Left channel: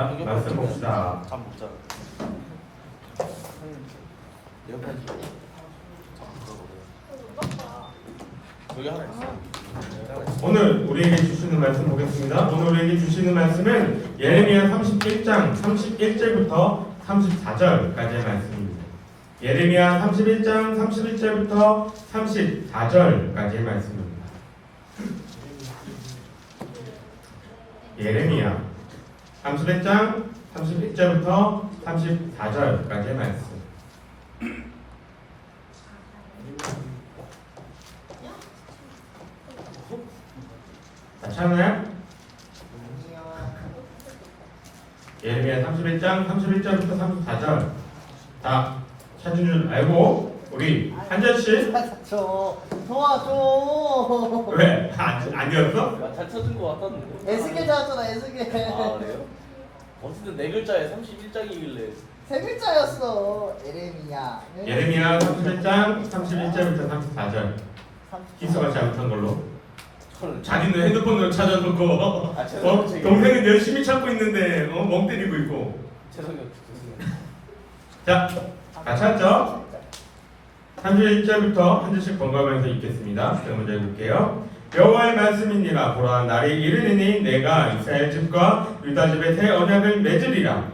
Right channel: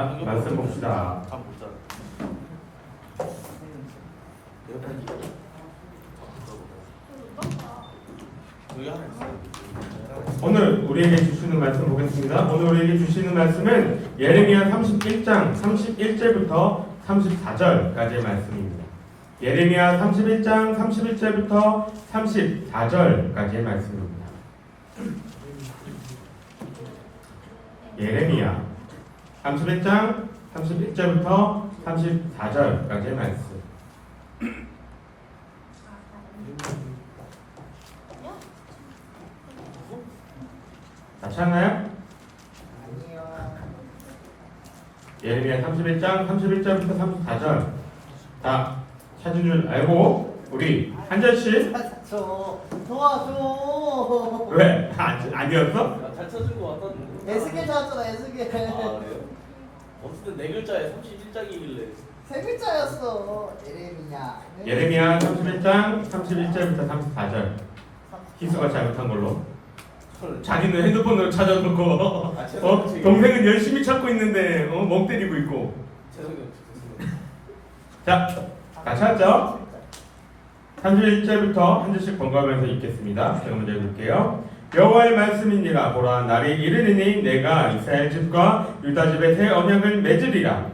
자, 말씀 봅시다. 오늘 우리에게 주시는 말씀 보겠습니다. 오늘 우리에게 주시는 말씀은 예레미야 31장 31절부터 34절까지의 말씀입니다. 예레미야 31장 31절부터 34절까지의 말씀입니다. 예레미야 31장 31절부터 34절까지의 말씀. 다 찾나요? 예레미야 31장 31절부터 34절. 다 찾은 줄 알고 우리 한 절씩. 도와줘. 왜? 아니었어? 잘 찾은 것 같았는데. 애쓰게 나왔잖아, 애쓰게. 아 그래요? 어쨌든 네 글자에 31장이길래. 세 글자였어. 예레미야. 예레미야 31장 31절부터 34절. 희수가 잘못한 걸로. 자기는 핸드폰으로 찾아놓고 동생은 열심히 찾고 있는데 멍 때리고 있고. 죄송해요. 자, 다 찾았죠? 31절부터 한 절씩 번갈아가면서 읽겠습니다. 제가 먼저 읽을게요. 여호와의 말씀이니라. 보라, 날이 이르리니 내가 이스라엘 집과 유다 집에 새 언약을 맺으리라.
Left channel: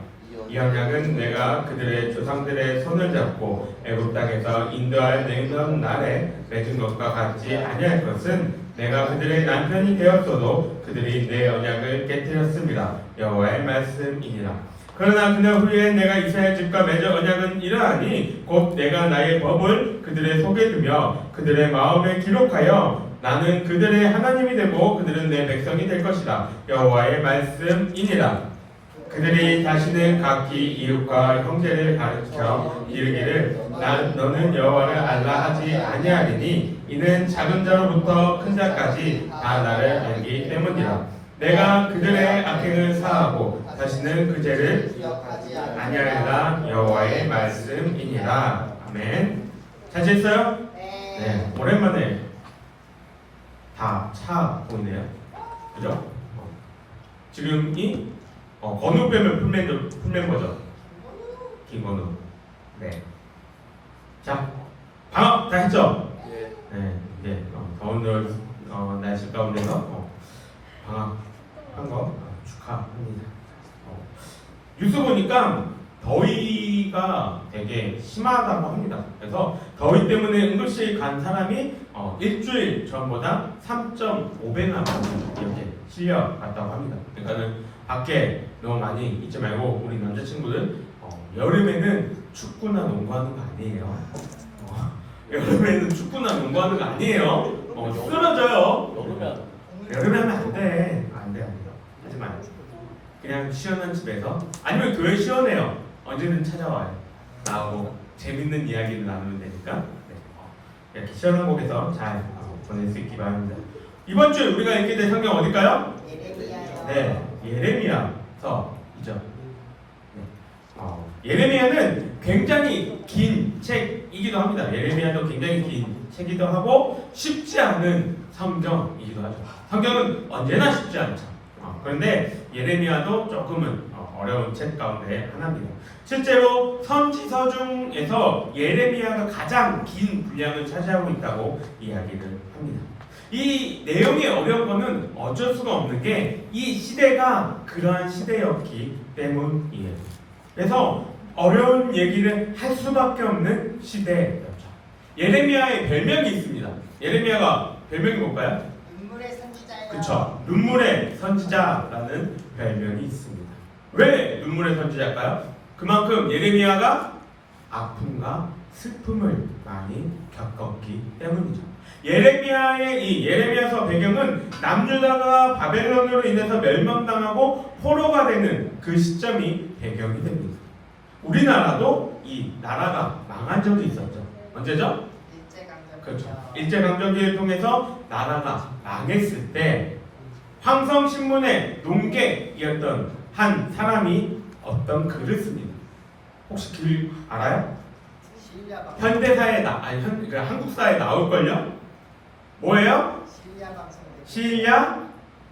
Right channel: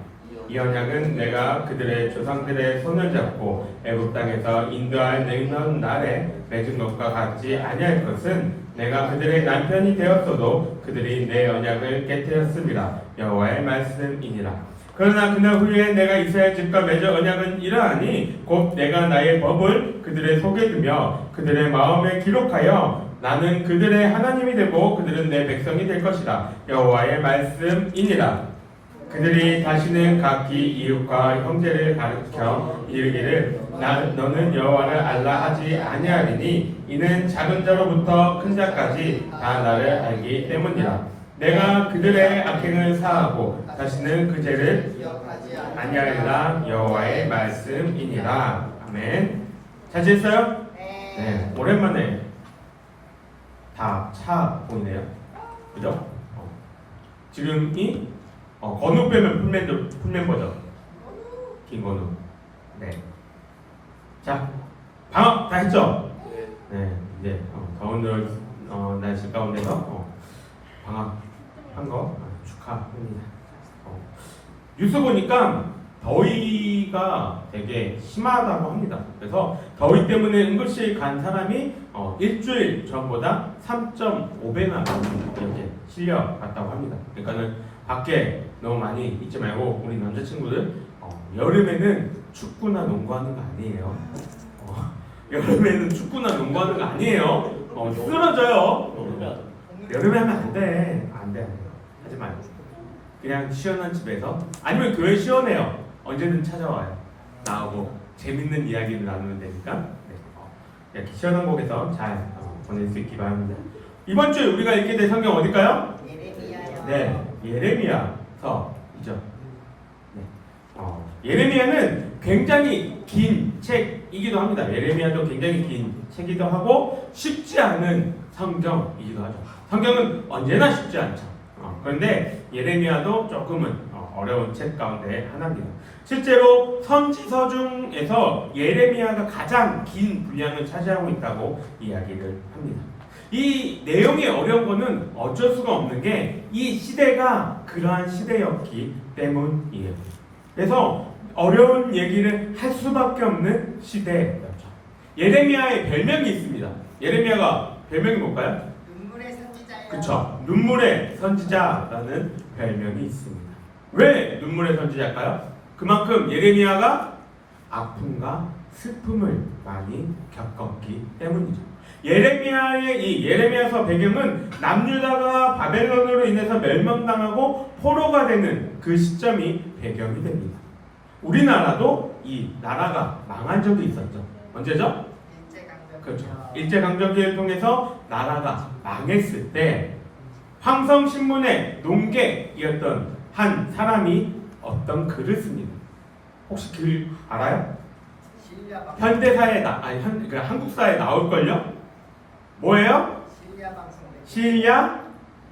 이 언약은 내가 그들의 조상들의 손을 잡고 애굽 땅에서 인도할 내년 날에 맺은 것과 같지 아니할 것은 내가 그들의 남편이 되었어도 그들이 내 언약을 깨뜨렸습니다. 여호와의 말씀이니라. 그러나 그날 후에 내가 이스라엘 집과 맺은 언약은 이러하니 곧 내가 나의 법을 그들의 속에 두며 그들의 마음에 기록하여 나는 그들의 하나님이 되고 그들은 내 백성이 될 것이다. 여호와의 말씀이니라. 그들이 다시는 각기 이웃과 형제를 가르쳐 이르기를 너는 여호와를 알라 하지 아니하리니 이는 작은 자로부터 큰 자까지 다 나를 알기 때문이라. 내가 그들의 악행을 사하고 다시는 그 죄를 아니하리라. 여호와의 말씀이니라. 아멘. 잘 지냈어요? 네. 오랜만에 다 차 보이네요. 그죠? 지금이 건우 빼면 풀멤버죠. 김건우. 네. 자, 방학 다 했죠? 네. 이제 더운 날씨 가운데서 방학 한 거 축하합니다. 뉴스 보니까 더위가 되게 심하다고 합니다. 그래서 더위 때문에 응급실 간 사람이 일주일 전보다 3.5배나 이렇게 실려갔다고 합니다. 그러니까는 밖에 너무 많이 있지 말고 우리 남자친구들 여름에는 축구나 농구하는 거 아니에요. 여름에는 축구나 농구하는 거 아니에요. 쓰러져요. 여름에 하면 안 돼. 안 돼. 하지 마요. 그냥 시원한 집에서 아니면 교회 시원해요. 언제든 찾아와요. 나하고 재밌는 이야기를 나누면 되니까. 네. 이렇게 시원한 곳에서 잘 보낼 수 있기 바랍니다. 이번 주에 우리가 읽게 될 성경 어딜까요? 예레미야요. 네, 예레미야서이죠. 네. 예레미야는 굉장히 긴 책이기도 합니다. 예레미야도 굉장히 긴 책이기도 하고 쉽지 않은 성경이기도 하죠. 성경은 언제나 쉽지 않죠. 그런데 예레미야도 조금은 어려운 책 가운데 하나입니다. 실제로 선지서 중에서 예레미야가 가장 긴 분량을 차지하고 있다고 이야기를 합니다. 이 내용이 어려운 거는 어쩔 수가 없는 게 이 시대가 그러한 시대였기 때문이에요. 그래서 어려운 얘기를 할 수밖에 없는 시대였죠. 예레미야의 별명이 있습니다. 예레미야가 별명이 뭘까요? 눈물의 선지자예요. 그쵸. 눈물의 선지자라는 별명이 있습니다. 왜 눈물의 선지자일까요? 그만큼 예레미야가 아픔과 슬픔을 많이 겪었기 때문이죠. 예레미야의 이 예레미야서 배경은 남유다가 바벨론으로 인해서 멸망당하고 포로가 되는 그 시점이 배경이 됩니다. 우리나라도 이 나라가 망한 적이 있었죠. 언제죠? 일제강점기. 그렇죠. 일제강점기를 통해서 나라가 망했을 때 황성신문의 농객이었던 한 사람이 어떤 글을 씁니다. 혹시 글 알아요? 현대사에 한국사에 나올걸요? 뭐예요? 실리아 방송. 시리아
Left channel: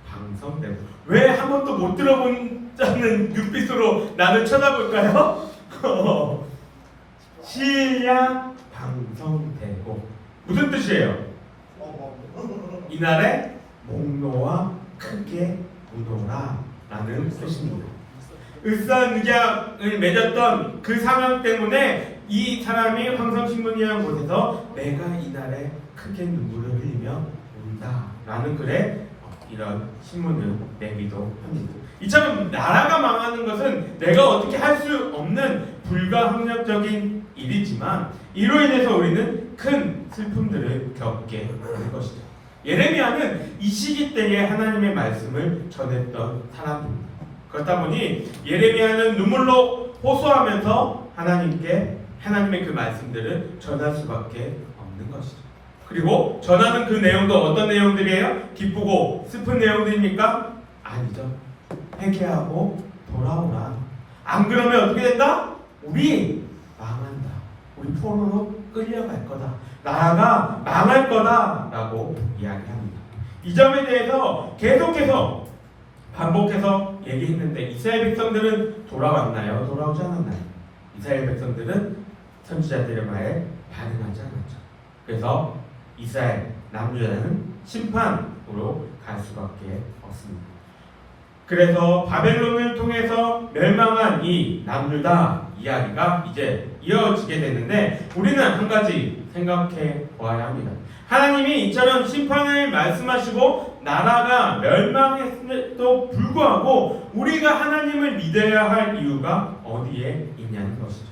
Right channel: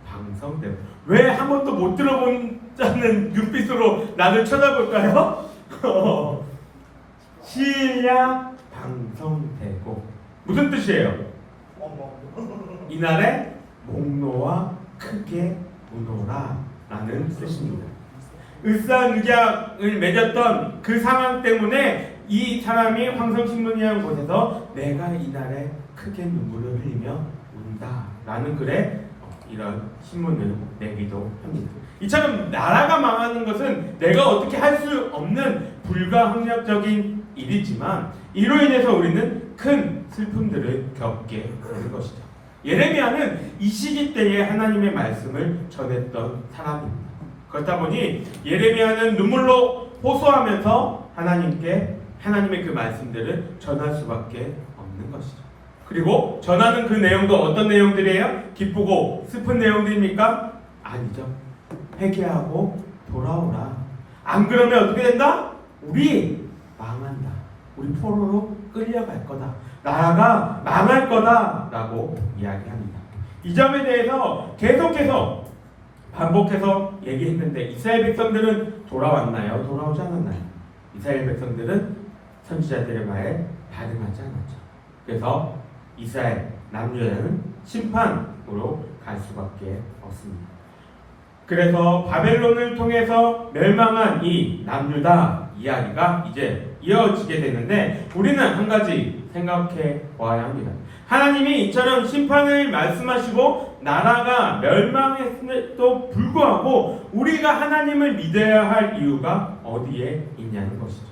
방송대. 왜 한 번도 못 들어본 짜는 눈빛으로 나를 쳐다볼까요? 시일야 방성되고 무슨 뜻이에요? 이날에 목노와 크게 우노라 라는 뜻입니다. 을사늑약을 맺었던 그 상황 때문에 이 사람이 황성신문이라는 곳에서 내가 이날에 크게 눈물을 흘리며 운다 라는 글에 이런 신문을 내기도 합니다. 이처럼 나라가 망하는 것은 내가 어떻게 할 수 없는 불가항력적인 일이지만 이로 인해서 우리는 큰 슬픔들을 겪게 되는 것이죠. 예레미야는 이 시기 때에 하나님의 말씀을 전했던 사람입니다. 그렇다 보니 예레미야는 눈물로 호소하면서 하나님의 그 말씀들을 전할 수밖에 없는 것이죠. 그리고 전하는 그 내용도 어떤 내용들이에요? 기쁘고 슬픈 내용들입니까? 아니죠. 회개하고 돌아오라. 안 그러면 어떻게 된다? 우리 망한다. 우리 포로로 끌려갈 거다. 나라가 망할 거다 라고 이야기합니다. 이 점에 대해서 계속해서 반복해서 얘기했는데 이스라엘 백성들은 돌아왔나요? 돌아오지 않았나요? 이스라엘 백성들은 선지자들의 말에 반응하지 않았죠. 그래서 이스라엘 남유다는 심판으로 갈 수밖에 없습니다. 그래서 바벨론을 통해서 멸망한 이 남유다 이야기가 이제 이어지게 되는데 우리는 한 가지 생각해 보아야 합니다. 하나님이 이처럼 심판을 말씀하시고 나라가 멸망했음에도 불구하고 우리가 하나님을 믿어야 할 이유가 어디에 있냐는 것이죠.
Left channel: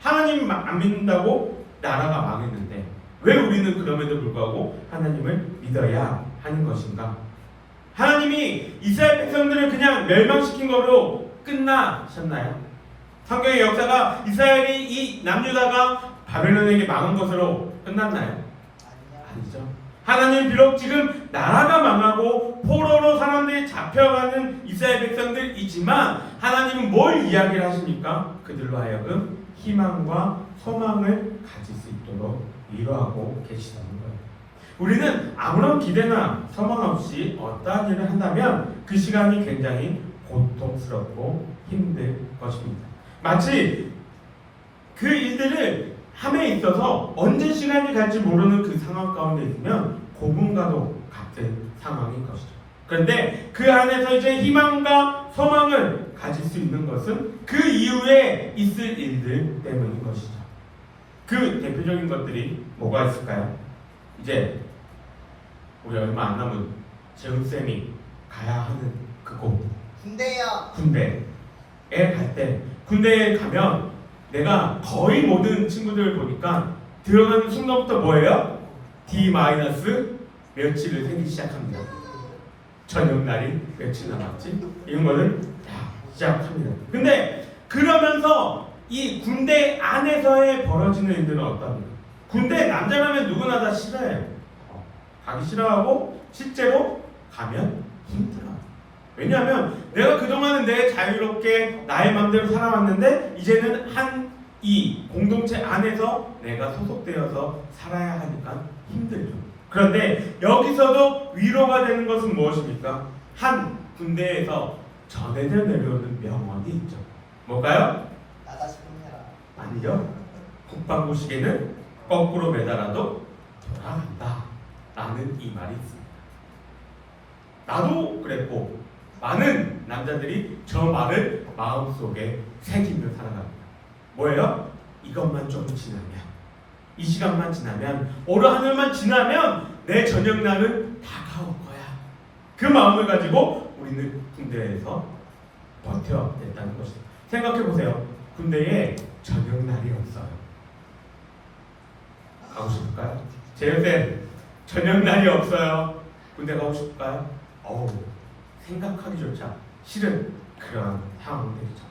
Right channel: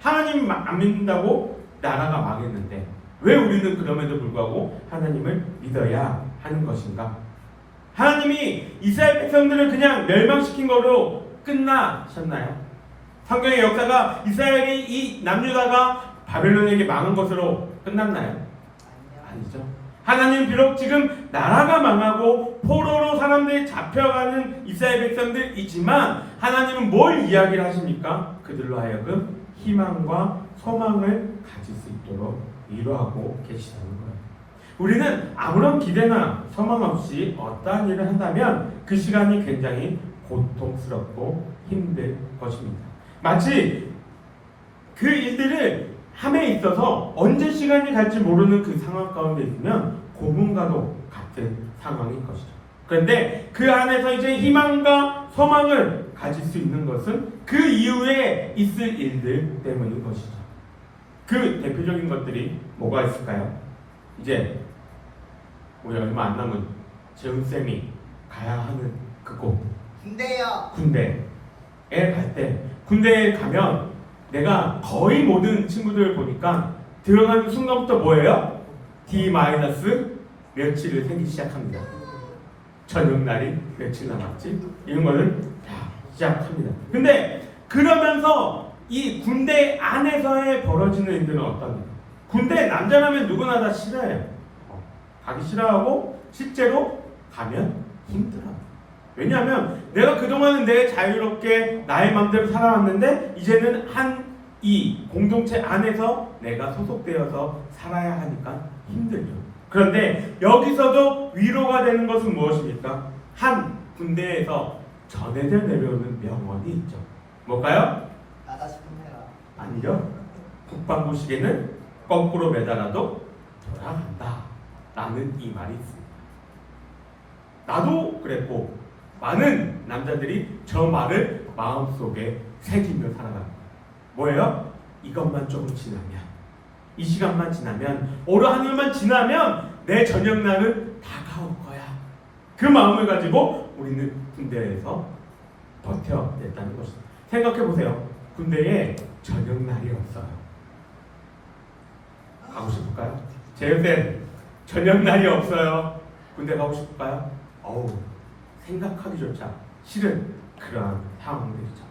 하나님 안 믿는다고 나라가 망했는데 왜 우리는 그럼에도 불구하고 하나님을 믿어야 하는 것인가? 하나님이 이스라엘 백성들을 그냥 멸망시킨 거로 끝나셨나요? 성경의 역사가 이스라엘이 이 남유다가 바벨론에게 망한 것으로 끝났나요? 아니죠. 하나님 비록 지금 나라가 망하고 포로로 사람들이 잡혀가는 이스라엘 백성들이지만 하나님은 뭘 이야기를 하십니까? 그들로 하여금 희망과 소망을 가질 수 있도록 위로하고 계시다는 거예요. 우리는 아무런 기대나 소망 없이 어떠한 일을 한다면 그 시간이 굉장히 고통스럽고 힘들 것입니다. 마치 그 일들을 함에 있어서 언제 시간이 갈지 모르는 그 상황 가운데 있으면 고문과도 같은 상황인 것이죠. 그런데 그 안에서 이제 희망과 소망을 가질 수 있는 것은 그 이후에 있을 일들 때문인 것이죠. 그 대표적인 것들이 뭐가 있을까요? 이제 우리 얼마 안 남은 재훈쌤이 가야 하는 그곳 군대요. 군대에 갈 때 군대에 가면 내가 거의 모든 친구들을 보니까 들어가는 순간부터 뭐예요? D- 며칠을 세기 시작합니다. 저녁날이 며칠 남았지? 이런 거를 다 시작합니다. 근데 그러면서 이 군대 안에서의 벌어지는 일들은 어떻습니까? 군대 남자라면 누구나 다 싫어해요. 가기 싫어하고 실제로 가면 힘들어요. 왜냐하면 내가 그동안은 내 자유롭게 나의 마음대로 살아왔는데 이제는 이 공동체 안에서 내가 소속되어서 살아야 하니까 힘들죠. 그런데 여기서도 위로가 되는 것은 무엇입니까? 한 군대에서 전해져 내려오는 명언이 있죠. 뭘까요? 나다 싶으면 해라. 아니죠. 국방부 시계는 거꾸로 매달아도 돌아간다 라는 이 말이 있습니다. 나도 그랬고 많은 남자들이 저 말을 마음속에 새기며 살아갑니다. 뭐예요? 이것만 조금 지나면, 이 시간만 지나면, 오늘 하늘만 지나면 내 저녁날은 다가올 거야. 그 마음을 가지고 우리는 군대에서 버텨냈다는 것입니다. 생각해보세요. 군대에 저녁날이 없어요. 가고 싶을까요? 제요쌤, 저녁날이 없어요. 군대 가고 싶을까요? 생각하기조차 싫은 그런 상황들이죠.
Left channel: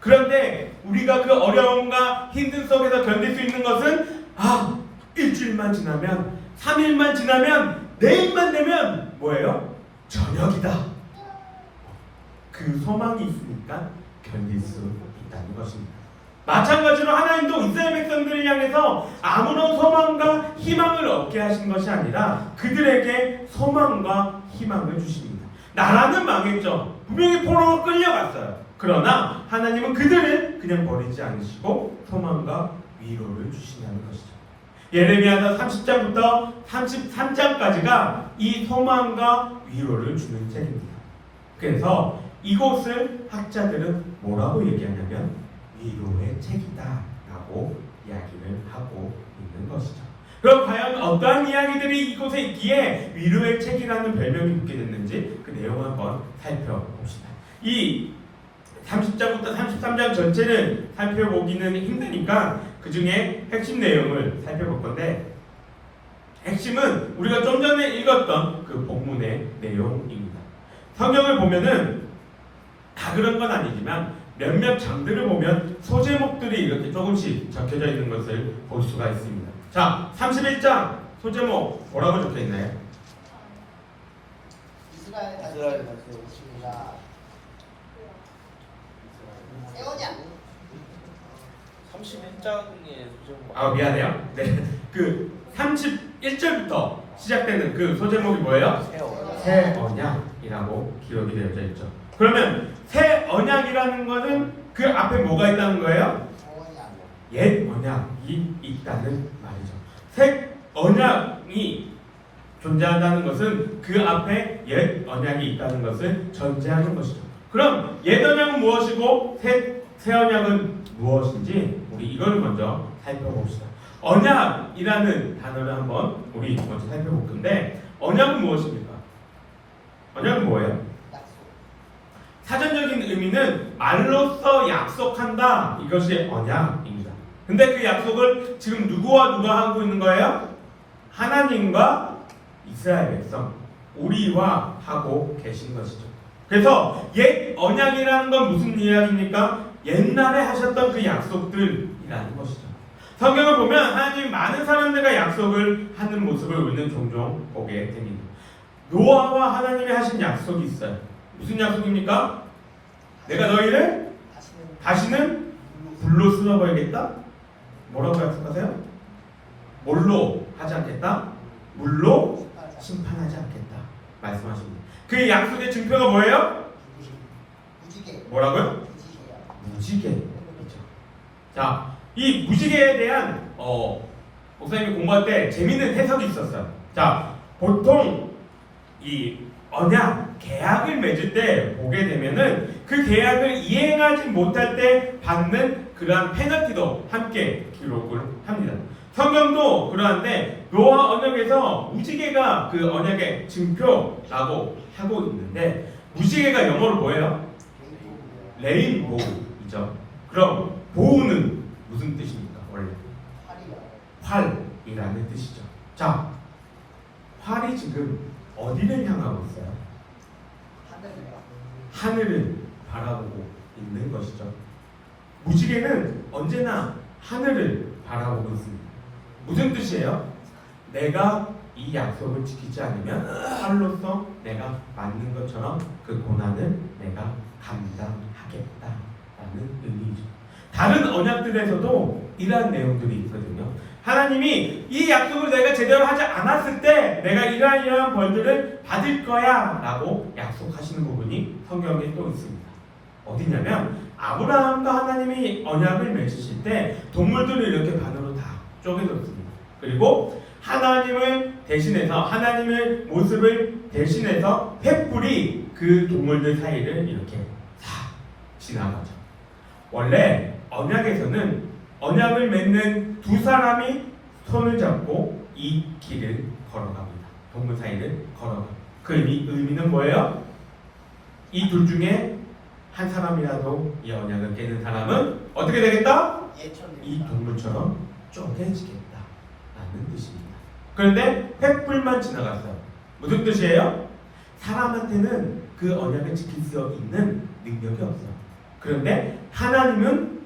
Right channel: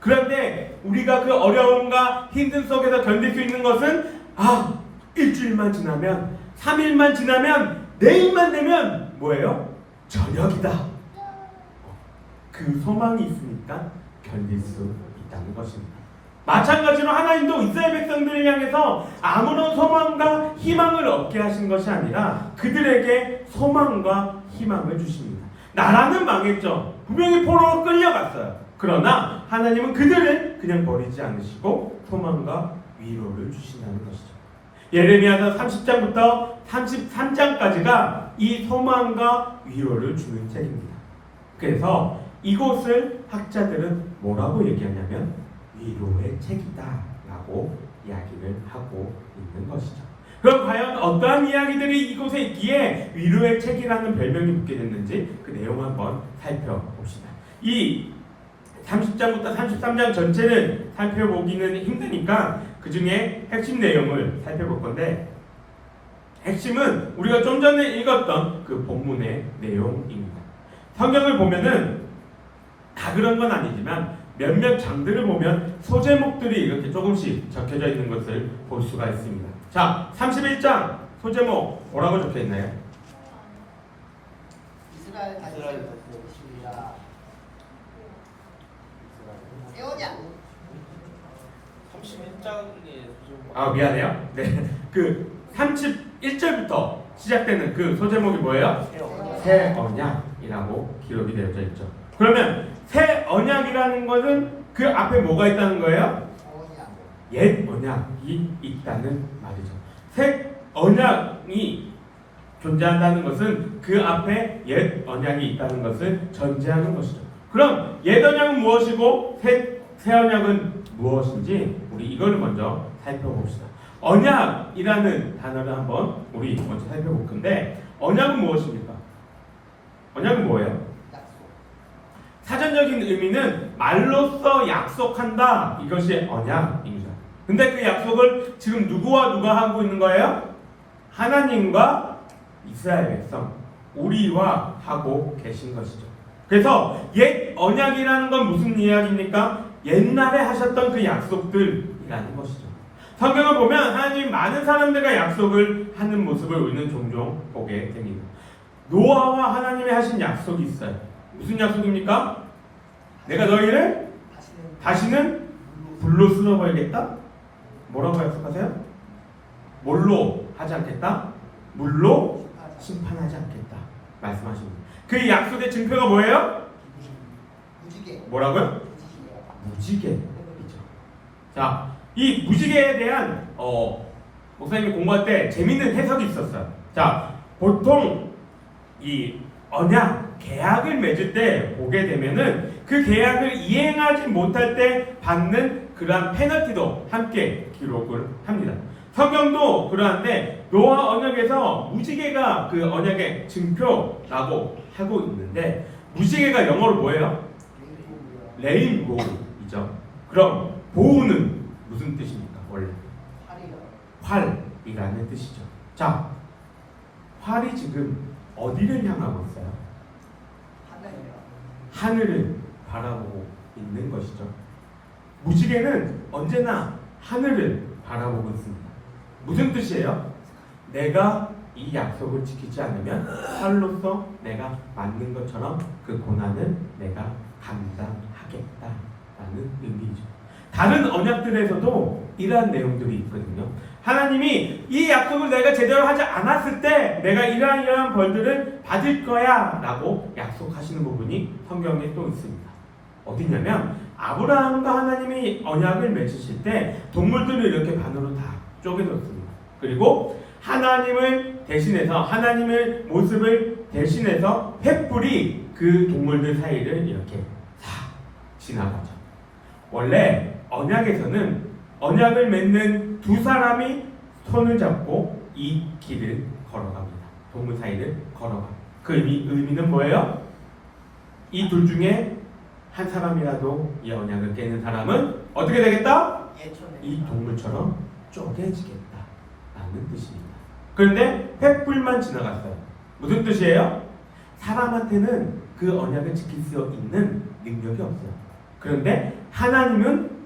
그런데 우리가 그 어려움과 힘든 속에서 견딜 수 있는 것은 일주일만 지나면, 3일만 지나면, 내일만 되면 뭐예요? 저녁이다. 그 소망이 있으니까 견딜 수 있다는 것입니다. 마찬가지로 하나님도 이스라엘 백성들을 향해서 아무런 소망과 희망을 얻게 하신 것이 아니라 그들에게 소망과 희망을 주십니다. 나라는 망했죠. 분명히 포로로 끌려갔어요. 그러나 하나님은 그들을 그냥 버리지 않으시고 소망과 위로를 주신다는 것이죠. 예레미야서 30장부터 33장까지가 이 소망과 위로를 주는 책입니다. 그래서 이곳을 학자들은 뭐라고 얘기하냐면 위로의 책이다 라고 이야기를 하고 있는 것이죠. 그럼 과연 어떠한 이야기들이 이곳에 있기에 위로의 책이라는 별명이 붙게 됐는지 그 내용을 한번 살펴봅시다. 이 30장부터 33장 전체는 살펴보기는 힘드니까 그 중에 핵심 내용을 살펴볼 건데, 핵심은 우리가 좀 전에 읽었던 그 본문의 내용입니다. 성경을 보면은 다 그런 건 아니지만 몇몇 장들을 보면 소제목들이 이렇게 조금씩 적혀져 있는 것을 볼 수가 있습니다. 자, 31장 소제목 뭐라고 적혀 있나요? 이스라엘 가르치십니다. 세우자. 31장에 미안해요. 네, 그 31절부터 시작되는 그 소제목이 뭐예요? 새 언약이라고 기록이 되어져 있죠. 그러면 새 언약이라는 것은 그 앞에 뭐가 있다는 거예요? 옛 언약이 있다는 말이죠. 새 언약이 존재한다는 것은 그 앞에 옛 언약이 있다는 것을 전제하는 것이죠. 그럼 옛 언약은 무엇이고 새 언약은 무엇인지 우리 이걸 먼저 살펴봅시다. 언약이라는 단어를 한번 우리 먼저 살펴볼 건데, 언약은 무엇입니까? 언약은 뭐예요? 사전적인 의미는 말로써 약속한다, 이것이 언약입니다. 근데 그 약속을 지금 누구와 누가 하고 있는 거예요? 하나님과 이스라엘 백성, 우리와 하고 계신 것이죠. 그래서 옛 언약이라는 건 무슨 이야기입니까? 옛날에 하셨던 그 약속들이라는 것이죠. 성경을 보면 하나님 많은 사람들과 약속을 하는 모습을 우리는 종종 보게 됩니다. 노아와 하나님이 하신 약속이 있어요. 무슨 약속입니까? 내가 너희를 다시는 불로 쓸어버리겠다? 뭐라고 약속하세요? 뭘로 하지 않겠다? 물로 심판하지 않겠다 말씀하십니다. 그 약속의 증표가 뭐예요? 무지개. 뭐라고요? 무지개이죠. 자, 이 무지개에 대한 목사님이 공부할 때 재밌는 해석이 있었어요. 자, 보통 이 언약, 계약을 맺을 때 보게 되면은 그 계약을 이행하지 못할 때 받는 그러한 페널티도 함께 기록을 합니다. 성경도 그러한데 노아 언약에서 무지개가 그 언약의 증표라고 하고 있는데, 무지개가 영어로 뭐예요? 레인보우이죠. 그럼 보우는 무슨 뜻입니까? 원래 활이라는 뜻이죠. 자, 활이 지금 어디를 향하고 있어요? 하늘을 바라보고 있는 것이죠. 무지개는 언제나 하늘을 바라보고 있습니다. 무슨 뜻이에요? 내가 이 약속을 지키지 않으면 활로서 내가 맞는 것처럼 그 고난을 내가 감당하겠다라는 의미죠. 다른 언약들에서도 이러한 내용들이 있거든요. 하나님이 이 약속을 내가 제대로 하지 않았을 때 내가 이러한 벌들을 받을 거야 라고 약속하시는 부분이 성경에 또 있습니다. 어디냐면 아브라함과 하나님이 언약을 맺으실 때 동물들을 이렇게 반으로 다 쪼개놓습니다. 그리고 하나님을 대신해서, 하나님의 모습을 대신해서 횃불이 그 동물들 사이를 이렇게 다 지나가죠. 원래 언약에서는 언약을 맺는 두 사람이 손을 잡고 이 길을 걸어갑니다. 동물 사이를 걸어가. 그 의미는 뭐예요? 이 둘 중에 한 사람이라도 이 언약을 깨는 사람은 어떻게 되겠다? 이 동물처럼 쪼개지겠다라는 뜻입니다. 그런데 횃불만 지나갔어요. 무슨 뜻이에요? 사람한테는 그 언약을 지킬 수 있는 능력이 없어요. 그런데 하나님은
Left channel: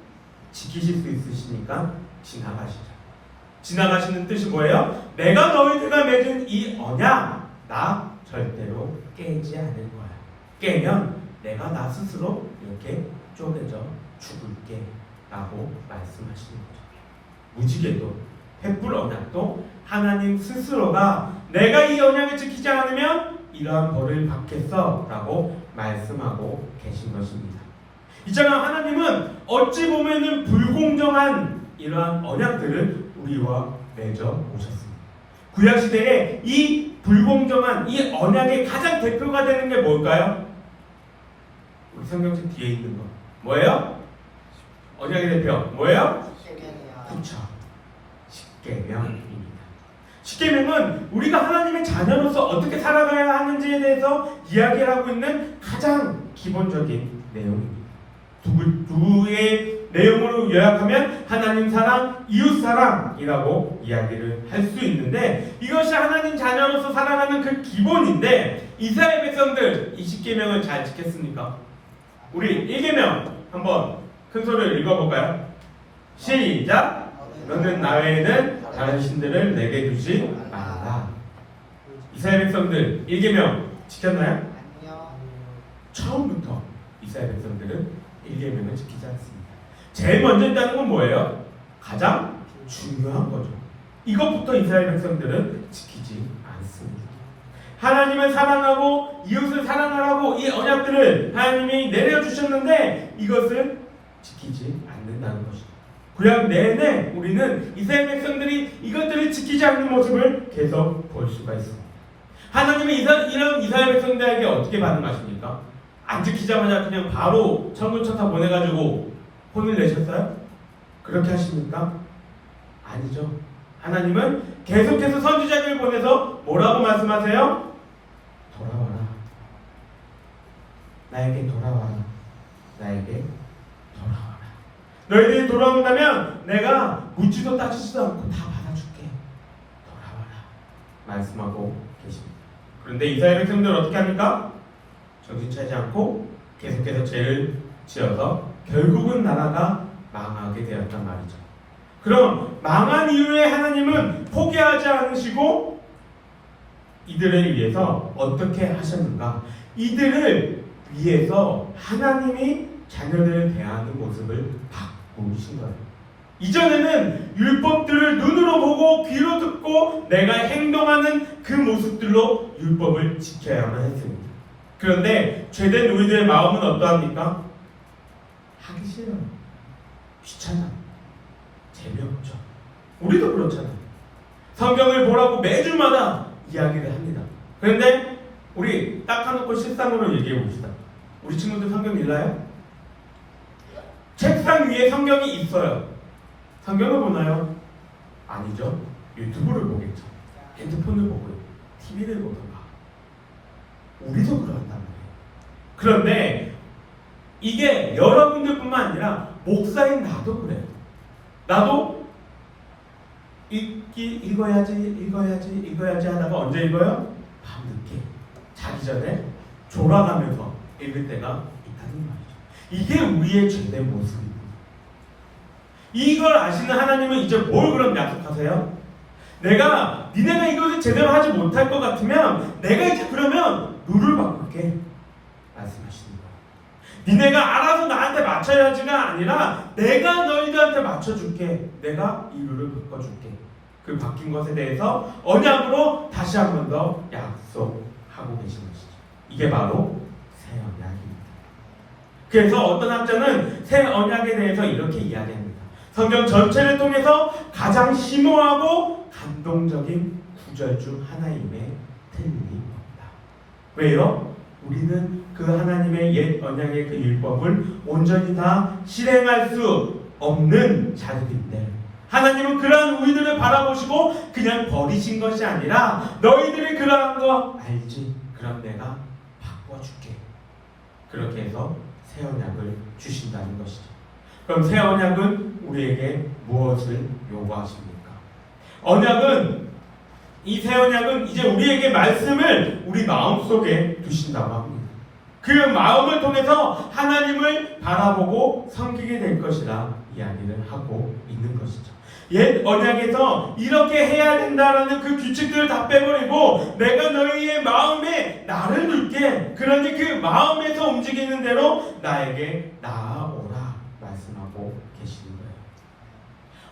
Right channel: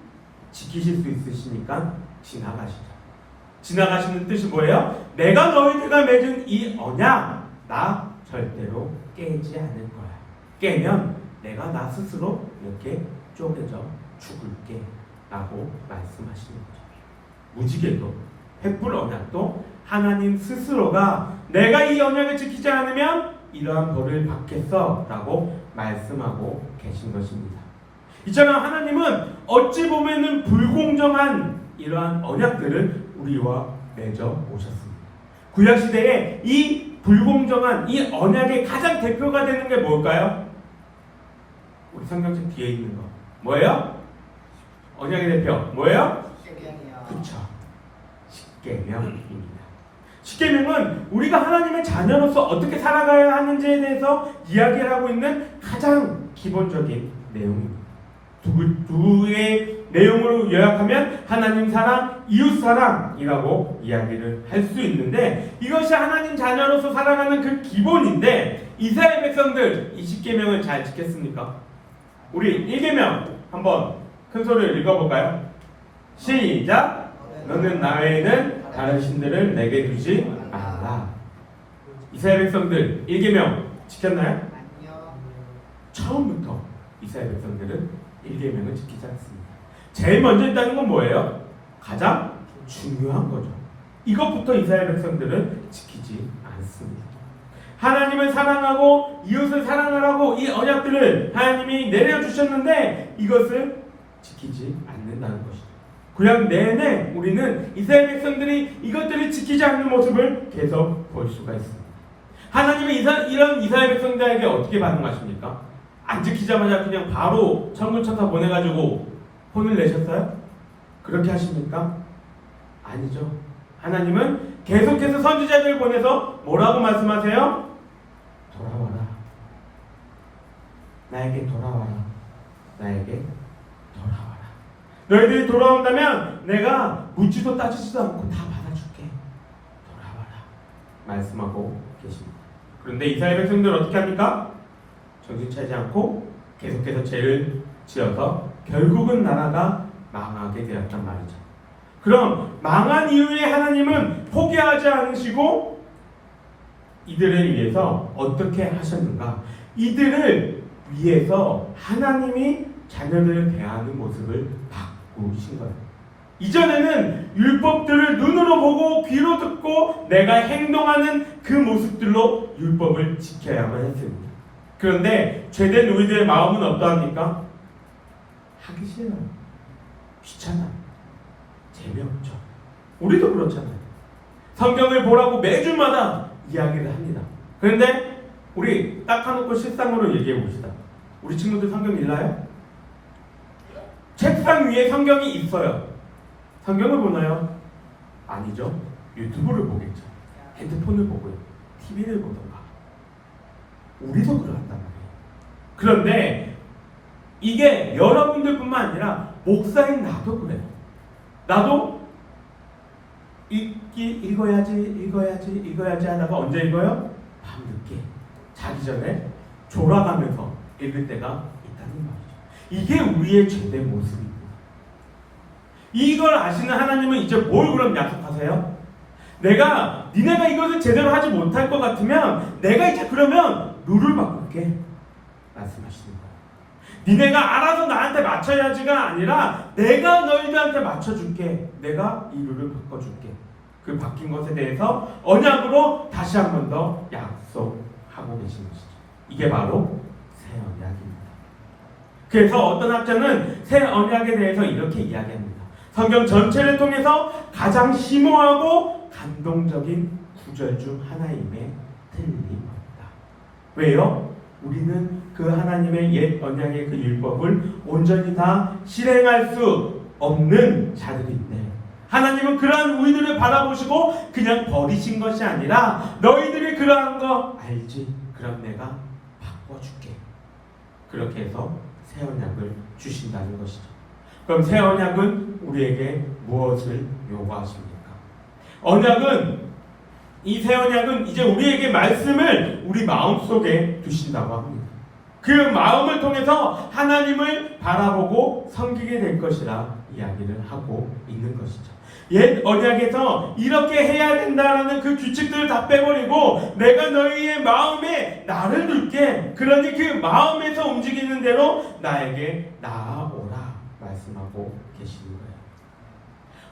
지키실 수 있으시니까 지나가시죠. 지나가시는 뜻이 뭐예요? 내가 너희들과 맺은 이 언약 나 절대로 깨지 않을 거야. 깨면 내가 나 스스로 이렇게 쪼개져 죽을게 라고 말씀하시는 거죠. 무지개도 횃불 언약도 하나님 스스로가 내가 이 언약을 지키지 않으면 이러한 벌을 받겠어 라고 말씀하고 계신 것입니다. 이처럼 하나님은 어찌 보면은 불공정한 이러한 언약들을 우리와 맺어 오셨습니다. 구약시대에 이 불공정한 이 언약의 가장 대표가 되는 게 뭘까요? 우리 성경책 뒤에 있는 거 뭐예요? 언약의 대표 뭐예요? 십계명이요. 그렇죠. 십계명입니다. 십계명은 우리가 하나님의 자녀로서 어떻게 살아가야 하는지에 대해서 이야기를 하고 있는 가장 기본적인 내용입니다. 두의 내용으로 요약하면 하나님 사랑, 이웃 사랑이라고 이야기를 할 수 있는데 이것이 하나님 자녀로서 살아가는 그 기본인데 이스라엘 백성들 이 십계명을 잘 지켰습니까? 우리 1계명 한번 큰 소리로 읽어볼까요? 시작! 너는 나 외에는 다른 신들을 내게 두지 말라. 이스라엘 백성들 1계명 지켰나요? 아니요. 처음부터 이스라엘 백성들은 1계명을 지키지 않습니다. 제일 먼저 있다는 건 뭐예요? 가장 중요한 거죠. 이것부터 이스라엘 백성들은 지키지 않습니다. 하나님을 사랑하고 이웃을 사랑하라고 이 언약들을 하나님이 내려주셨는데 이것을 지키지 않는다는 것이죠. 구약 내내 우리는 이스라엘 백성들이 이것들을 지키지 않는 모습을 계속 볼 수가 있습니다. 하나님은 이런 이스라엘 백성들에게 어떻게 반응하십니까? 안 지키자마자 그냥 바로 천군 천사 보내가지고 혼을 내셨어요? 그렇게 하십니까? 아니죠. 하나님은 계속해서 선지자들을 보내서 뭐라고 말씀하세요? 돌아와라. 나에게 돌아와라. 나에게 돌아와라. 너희들이 돌아온다면 내가 묻지도 따지지도 않고 다 받아줄게. 돌아와라. 말씀하고 계십니다. 그런데 이스라엘 백성들 어떻게 합니까? 정신 차리지 않고 계속해서 죄를 지어서 결국은 나라가 망하게 되었단 말이죠. 그럼 망한 이후에 하나님은 포기하지 않으시고 이들을 위해서 어떻게 하셨는가? 이들을 위해서 하나님이 자녀들을 대하는 모습을 바꾸신 거예요. 이전에는 율법들을 눈으로 보고 귀로 듣고 내가 행동하는 그 모습들로 율법을 지켜야만 했습니다. 그런데 죄된 우리들의 마음은 어떠합니까? 하기 싫어요. 귀찮아. 재미없죠. 우리도 그렇잖아요. 성경을 보라고 매주마다 이야기를 합니다. 그런데 우리 딱 하놓고 실상으로 얘기해 봅시다. 우리 친구들 성경 읽나요? 책상 위에 성경이 있어요. 성경을 보나요? 아니죠. 유튜브를 보겠죠. 핸드폰을 보고요. TV를 보던가. 우리도 그런단 말이에요. 그런데 이게 여러분들뿐만 아니라 목사인 나도 그래요. 나도 읽어야지 하다가 언제 읽어요? 밤늦게 자기 전에 졸아가면서 읽을 때가 있다는 말이죠. 이게 우리의 죄된 모습이고 이걸 아시는 하나님은 이제 뭘 그럼 약속하세요? 니네가 이것을 제대로 하지 못할 것 같으면 내가 이제 그러면 룰을 바꿀게 말씀하시는 거예요. 니네가 알아서 나한테 맞춰야지가 아니라 내가 너희들한테 맞춰줄게. 내가 이 룰을 바꿔줄게. 그 바뀐 것에 대해서 언약으로 다시 한 번 더 약속하고 계신 것이죠. 이게 바로 새 언약입니다. 그래서 어떤 학자는 새 언약에 대해서 이렇게 이야기합니다. 성경 전체를 통해서 가장 심오하고 감동적인 구절 중 하나임에 틀림이 없다. 왜요? 우리는 그 하나님의 옛 언약의 그 율법을 온전히 다 실행할 수 없는 자들인데 하나님은 그러한 우리들을 바라보시고 그냥 버리신 것이 아니라 너희들이 그러한 거 알지? 그럼 내가 바꿔줄게. 그렇게 해서 새 언약을 주신다는 것이죠. 그럼 새 언약은 우리에게 무엇을 요구하십니까? 이 새 언약은 이제 우리에게 말씀을 우리 마음속에 두신다고 합니다. 그 마음을 통해서 하나님을 바라보고 섬기게 될 것이라 이야기를 하고 있는 것이죠. 옛 언약에서 이렇게 해야 된다라는 그 규칙들을 다 빼버리고 내가 너희의 마음에 나를 둘게. 그러니 그 마음에서 움직이는 대로 나에게 나아오라 말씀하고 원하고 계시는 거예요.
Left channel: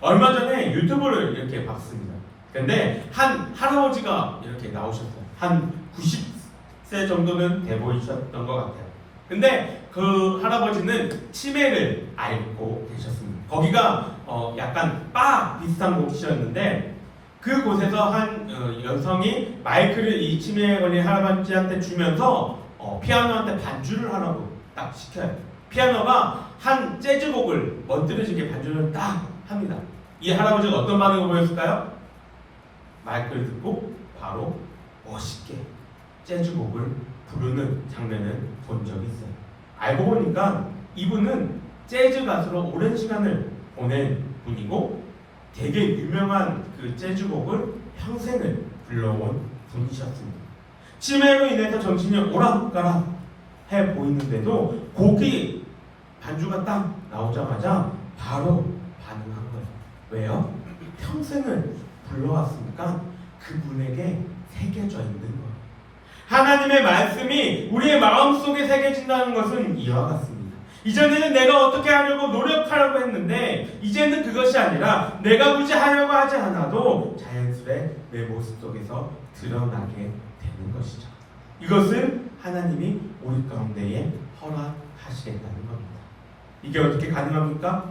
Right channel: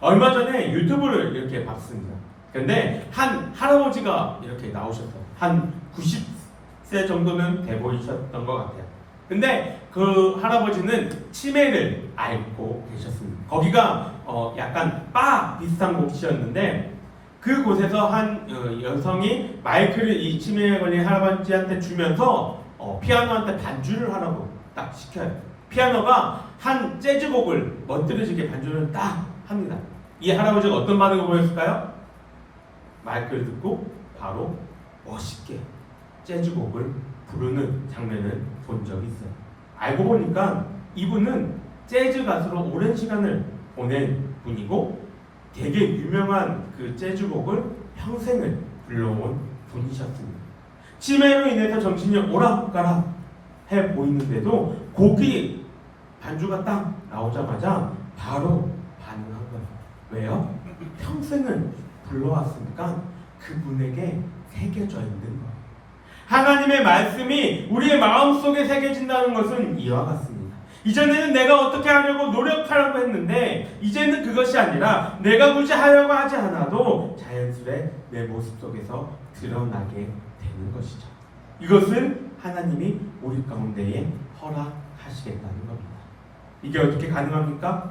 얼마 전에 유튜브를 이렇게 봤습니다. 근데 한 할아버지가 이렇게 나오셨어요. 한 90세 정도는 돼 보이셨던 것 같아요. 근데 그 할아버지는 치매를 앓고 계셨습니다. 거기가 약간 바 비슷한 곳이었는데 그곳에서 한 여성이 마이크를 이 치매에 걸린 할아버지한테 주면서 피아노한테 반주를 하라고 딱 시켜요. 피아노가 한 재즈곡을 멋들어지게 반주를 딱 합니다. 이 할아버지가 어떤 반응을 보였을까요? 마이크를 듣고 바로 멋있게 재즈곡을 부르는 장면을 본 적이 있어요. 알고 보니까 이분은 재즈 가수로 오랜 시간을 보낸 분이고 되게 유명한 그 재즈곡을 평생을 불러온 분이셨습니다. 치매로 인해서 정신이 오락가락 해 보이는데도 곡이 반주가 딱 나오자마자 바로 반응한 거예요. 왜요? 평생을 불러왔으니까 그분에게 새겨져 있는 거예요. 하나님의 말씀이 우리의 마음속에 새겨진다는 것은 이와 같습니다. 이전에는 내가 어떻게 하려고 노력하려고 했는데 이제는 그것이 아니라 내가 굳이 하려고 하지 않아도 자연스레 내 모습 속에서 드러나게 되는 것이죠. 이것을 하나님이 우리 가운데에 허락하시겠다는 겁니다. 이게 어떻게 가능합니까?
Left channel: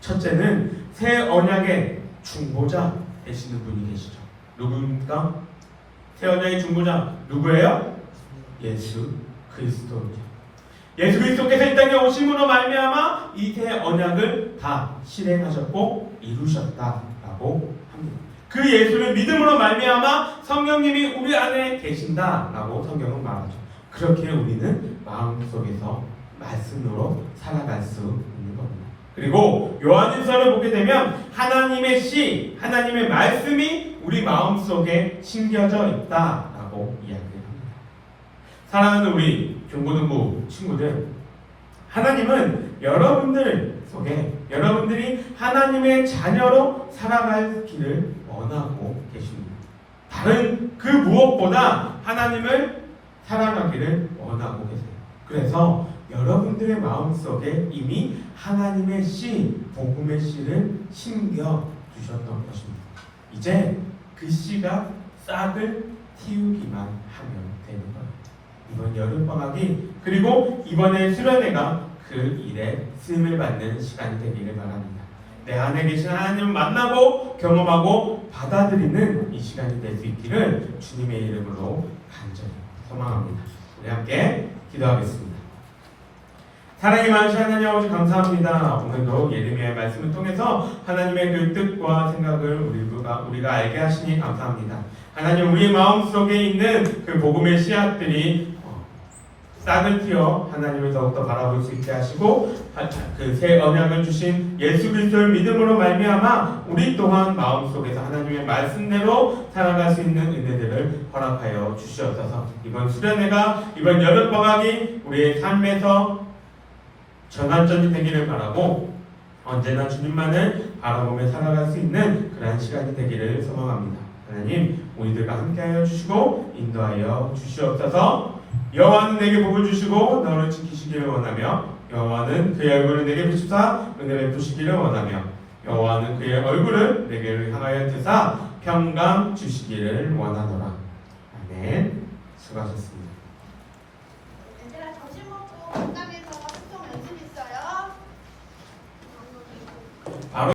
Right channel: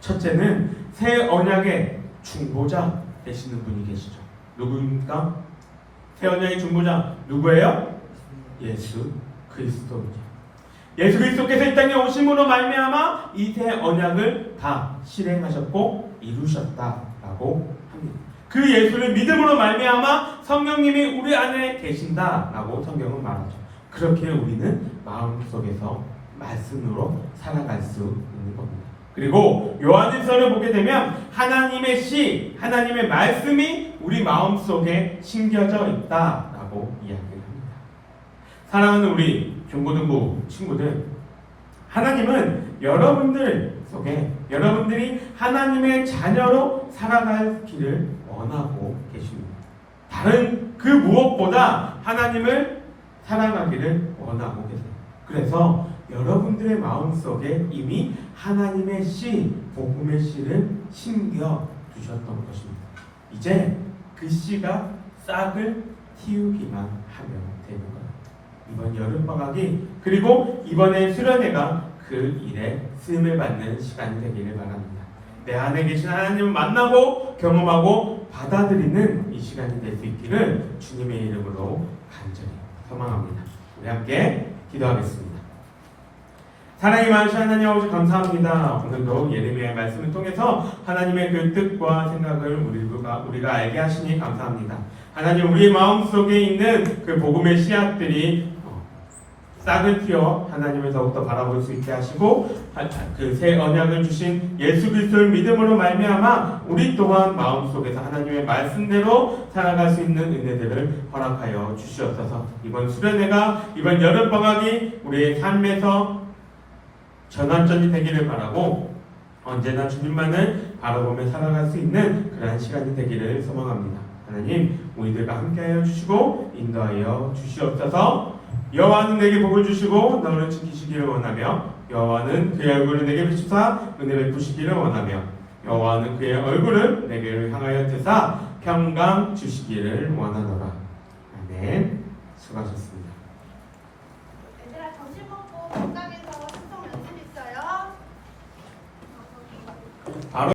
첫째는 새 언약의 중보자 되시는 분이 계시죠. 누구입니까? 새 언약의 중보자 누구예요? 예수 그리스도입니다. 예수 그리스도께서 이 땅에 오심으로 말미암아 이 새 언약을 다 실행하셨고 이루셨다라고 합니다. 그 예수를 믿음으로 말미암아 성령님이 우리 안에 계신다라고 성경은 말하죠. 그렇게 우리는 마음속에서 말씀으로 살아갈 수 있는 겁니다. 그리고 요한일서를 보게 되면 하나님의 시, 하나님의 말씀이 우리 마음속에 심겨져 있다라고 이야기합니다. 사랑하는 우리 중고등부 친구들, 하나님은 여러분들 속에 여러분들이 하나님의 자녀로 살아갈 길을 원하고 계십니다. 다른 그 무엇보다 하나님을 사랑하기를 원하고 계세요. 그래서 여러분들의 마음속에 이미 하나님의 씨, 복음의 씨를 심겨 두셨던 것입니다. 이제 그 씨가 싹을 틔우기만 하면 되는 거예요. 이번 여름방학이 그리고 이번에 수련회가 그 일에 쓰임을 받는 시간이 되기를 바랍니다. 내 안에 계신 하나님을 만나고 경험하고 받아들이는 이 시간이 될 수 있기를 주님의 이름으로 간절히 소망합니다. 우리 함께 기도하겠습니다. 사랑이 많으신 하나님 아버지 감사합니다. 오늘도 예레미야의 말씀을 통해서 하나님의 그 뜻과 생각을 우리가 알게 하시니 감사합니다. 하나님 우리 마음속에 있는 그 복음의 씨앗들이 싹을 틔워 하나님을 더욱더 바라볼 수 있게 하시고 그 새 언약을 주신 예수 그리스도를 믿음으로 말미암아 우리 또한 마음속에서 하나님의 말씀대로 살아갈 수 있는 은혜들을 허락하여 주시옵소서. 이번 수련회가 이번 여름방학이 우리의 삶에서 전환점이 되기를 바라고 언제나 주님만을 바라보며 살아갈 수 있는 그러한 시간이 되기를 소망합니다. 하나님 우리들과 함께하여 주시고 인도하여 주시옵소서. 여호와는 내게 복을 주시고 너를 지키시기를 원하며 여호와는 그의 얼굴을 내게 비추사 은혜 베푸시기를 원하며 여호와는 그의 얼굴을 내게 향하여 드사 평강 주시기를 원하노라. 아멘. 수고하셨습니다.